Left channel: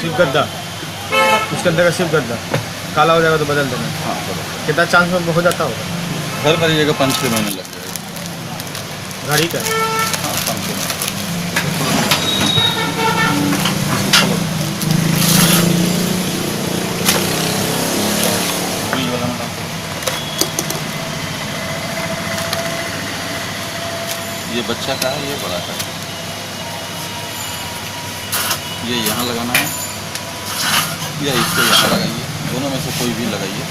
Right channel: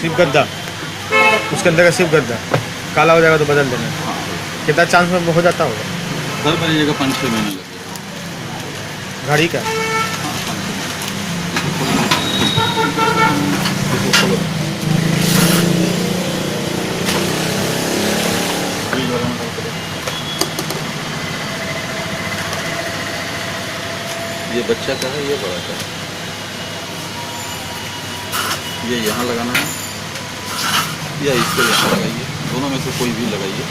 सिर्फ गद्दा, उसके अंदर का सिर्फ गद्दा काला हो जाएगा तो बदल देना। हाँ, कितना चांस में हो जाता होगा? घर करिएगा 5-6 महीने लगेगा। गाड़ी का हाँ, 5-6 ये बच्चा का है, ये बड़ा का है। ये यहाँ लगाना है या इसको यहाँ लगाइए, दोनों में से कोई भी लगाइए।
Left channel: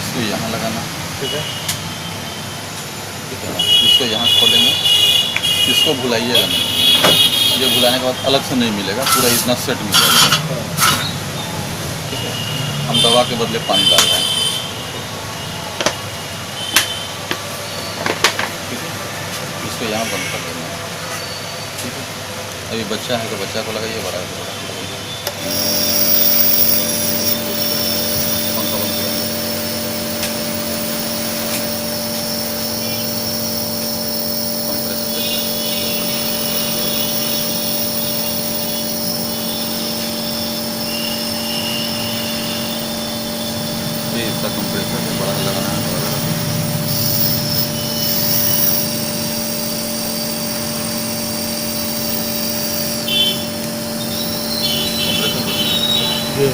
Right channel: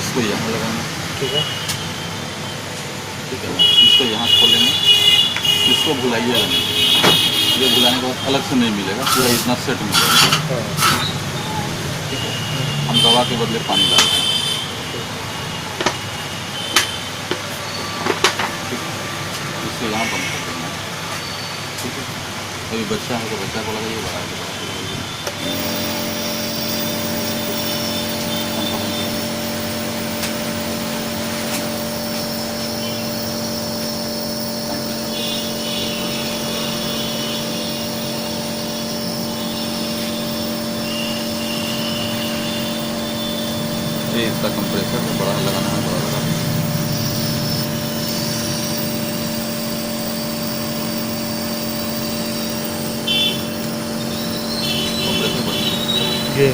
इसको यहाँ लगाना है, ठीक है। ठीक है। इसको यहाँ खोलेंगे, इसको भुलाइएगा नहीं। ये भुलाने के बाद अलग से नहीं मिलेगा, पूरा इतना सेट मिलेगा। ठीक है। हम दवा के बदले पानी डाल रहे हैं। ठीक है। इसको यहाँ बंद कर देना है। ठीक है। अभी बच्चा है तो बच्चा को लगाइएगा। ये इसका कंप्रेसर है, बड़ा लगाना है, बड़ा लगाना है। कंप्रेसर बंद। जी